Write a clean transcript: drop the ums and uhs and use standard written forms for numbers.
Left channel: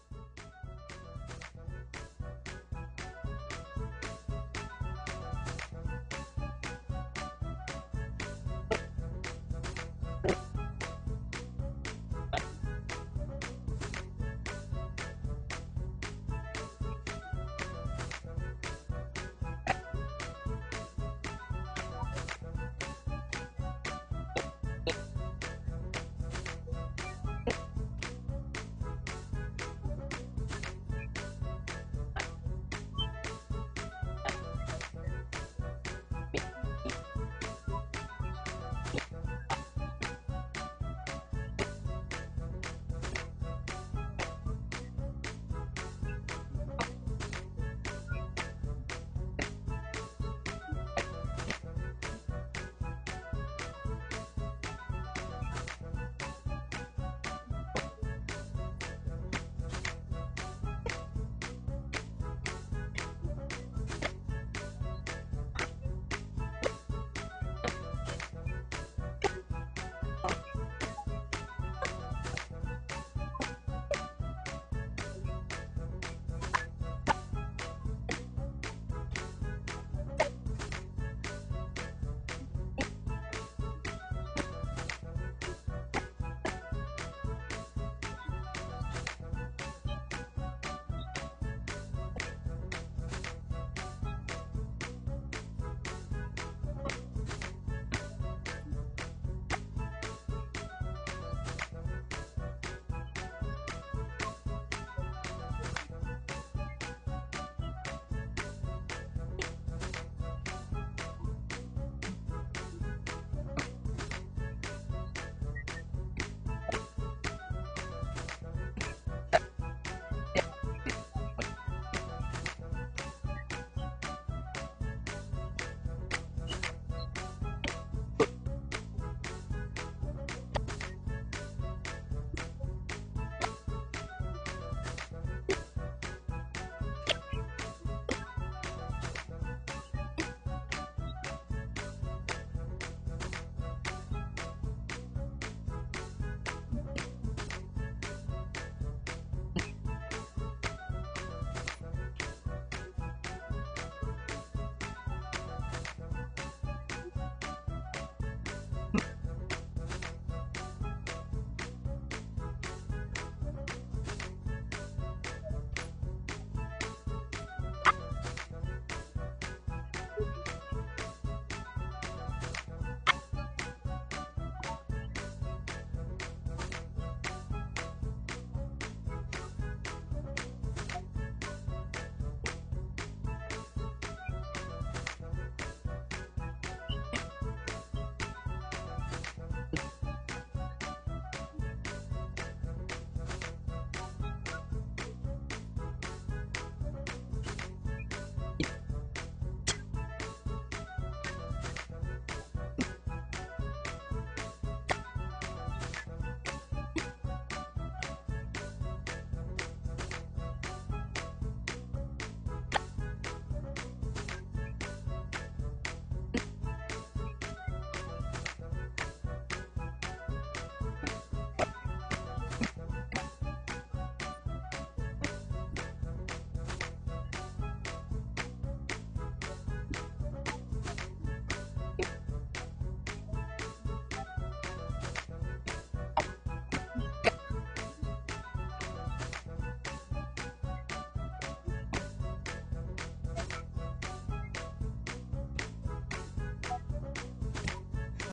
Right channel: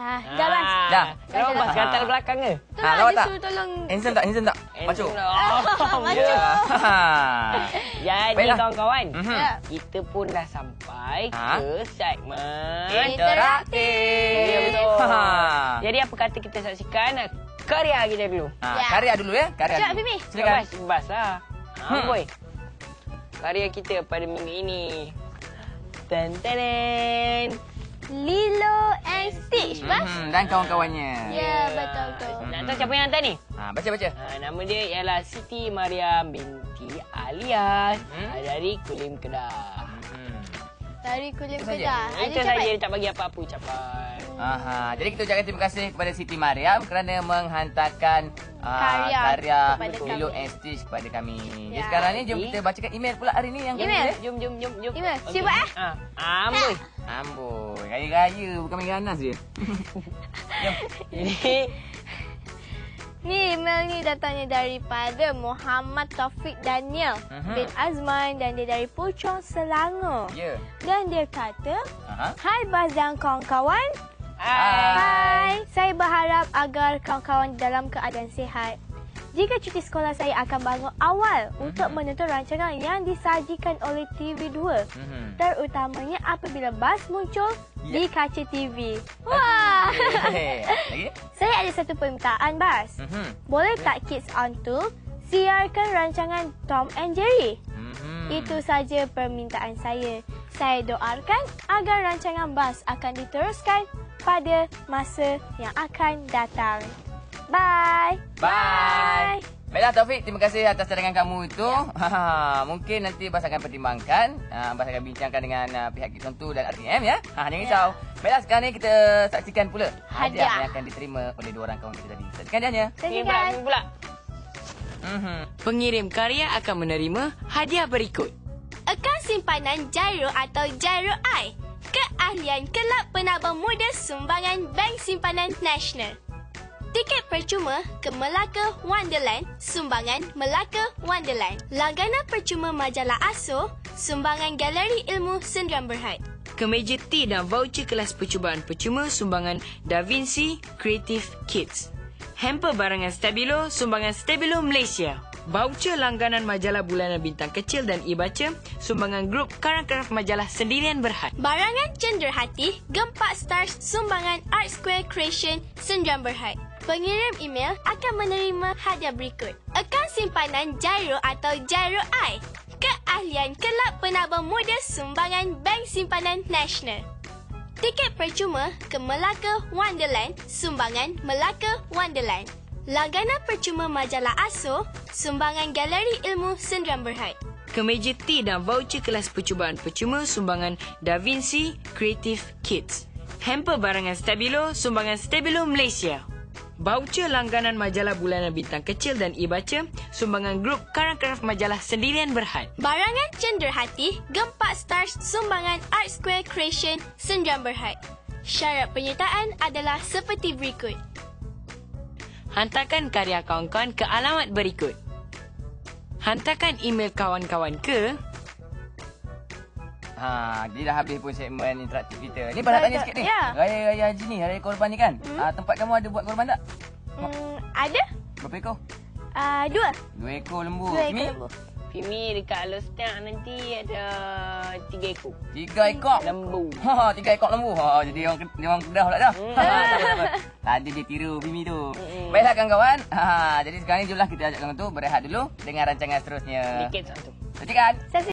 Dah, Bas. Dah. Kenapa Bas katak belakang ke? Lawak tak? Disuruh tolong. Handsome tak? Macu. Macu. Jadi Baiklah. kawan-kawan, Ya. kita pun dah sampai ke segmen Interaktif. Ya, betul. Ha. Jadi apa kata kita saksikan karya kita dulu. Ya. Karya dulu ya. Karya Sekejap, dulu. Mimi. Silakan. Bas lah. Boy. Karya kita pada minggu ini. Ten. Lilo and Stitch, Bas. Dan kawan-kawannya. Ya, betul. Nak tahu siapa yang hantar ni? Baca. Nama dia ialah Siti Mariam binti Alias dari Kulim Kedah. Dari Kulim Saja. Kedah. Itu saja, dia tak bagi apa-apa ucapan. Jadi kita ucapkan terima kasih kepada Siti Mariam kerana menghantarkan karya kepada Lilo kami. and Stitch kepada kami. Jadi Ya. sekarang ni jom kita bacakan email pula hari ni yang Email? kami Jom. Email. Siapa Amboi. Amboi, raya-raya bukan main ganas je. Ini Ni email ni datangnya daripada Muhammad Taufik Daniel bin Azman dan dia dari Puchong Selangor. Ya. Dan dia kata, Aha. hai Bas dan kawan-kawan. Hai. Hai, saya berharap agar kawan-kawan dalam keadaan sihat. Jika cuti sekolah saya akan bangun awal untuk menonton rancangan yang disajikan oleh TV2. Terutamanya apabila Bas muncul di kaca TV. Wah! Lagi? Saya ada satu permintaan, Bas. Boleh tak Kids On 2 siarkan rancangan Tom and Jerry? Itu saja permintaan saya. Saya doakan agar rancangan Bas akan diteruskan pada masa yang akan datang. Bye. Bye. Baiklah Taufik, terima kasih atas cadangan kamu itu. Mungkin nanti Bas akan pertimbangkan. Bas akan bincangkan dengan pihak Kids On 2 dan RTM ya. Jangan risau. Baiklah sekarang ni kita saksikan pula hadiah yang akan diterima oleh dua orang kawan kita tadi. Saksikan hadiahnya. Ini pula. Pengirim karya akan menerima hadiah berikut. Akaun simpanan Gyro atau Gyro I. Keahlian Kelab Penabung Muda Sumbangan Bank Simpanan Nasional. Tiket percuma ke Melaka Wonderland, sumbangan Melaka Wonderland. Langganan percuma majalah ASO, sumbangan Galeri Ilmu Sendirian Berhad. Kemeja T dan voucher kelas percubaan percuma sumbangan Da Vinci Creative Kids. Hamper barangan Stabilo sumbangan Stabilo Malaysia. Voucher langganan majalah bulanan Bintang Kecil dan e-baca sumbangan grup Karang-Karang majalah Sendirian Berhad. Barangan Cenderhati, Gempak Stars, sumbangan Art Square Creation Sendirian Berhad. Pengirim email akan menerima hadiah berikut. Akaun simpanan Gyro atau Gyro I. Keahlian Kelab Penabung Muda Sumbangan Bank Simpanan Nasional. Tiket percuma ke Melaka Wonderland, sumbangan Melaka Wonderland. Langganan percuma majalah ASO, sumbangan Galeri Ilmu Sendirian Berhad. Kemeja T dan voucher kelas percubaan percuma sumbangan Da Vinci Creative Kids. Hamper barangan Stabilo sumbangan Stabilo Malaysia. Voucher langganan majalah bulanan Bintang Kecil dan e-baca sumbangan grup Karang-Karang majalah Sendirian Berhad. Barangan Cenderhati, Gempak Stars, sumbangan Art Square Creation Sendirian Berhad. Syarat penyertaan adalah seperti berikut. Hantarkan karya kawan-kawan ke alamat berikut. Hantarkan email kawan-kawan ke Jadi dah habis pun segmen interaktif kita. Ni pada tanya sikit ni. Ya. Raya haji ni, raya korban ni kan? Tempat kamu ada buat korban tak? Ada? Berapa ekor? 2. 2 ekor lembu. 2 Ini? ekor lembu. Pimi dekat Alostak nanti ada 3 ekor 3 ekor. lembu. 3 ekor lembu. Jadi orang Kedah pula dah. Tadi dia tiru Bimi tu. Baiklah kawan-kawan. Jadi sekarang ni jomlah kita ajak kawan tu berehat dulu dengan rancangan seterusnya. Tiket satu. Saksikan.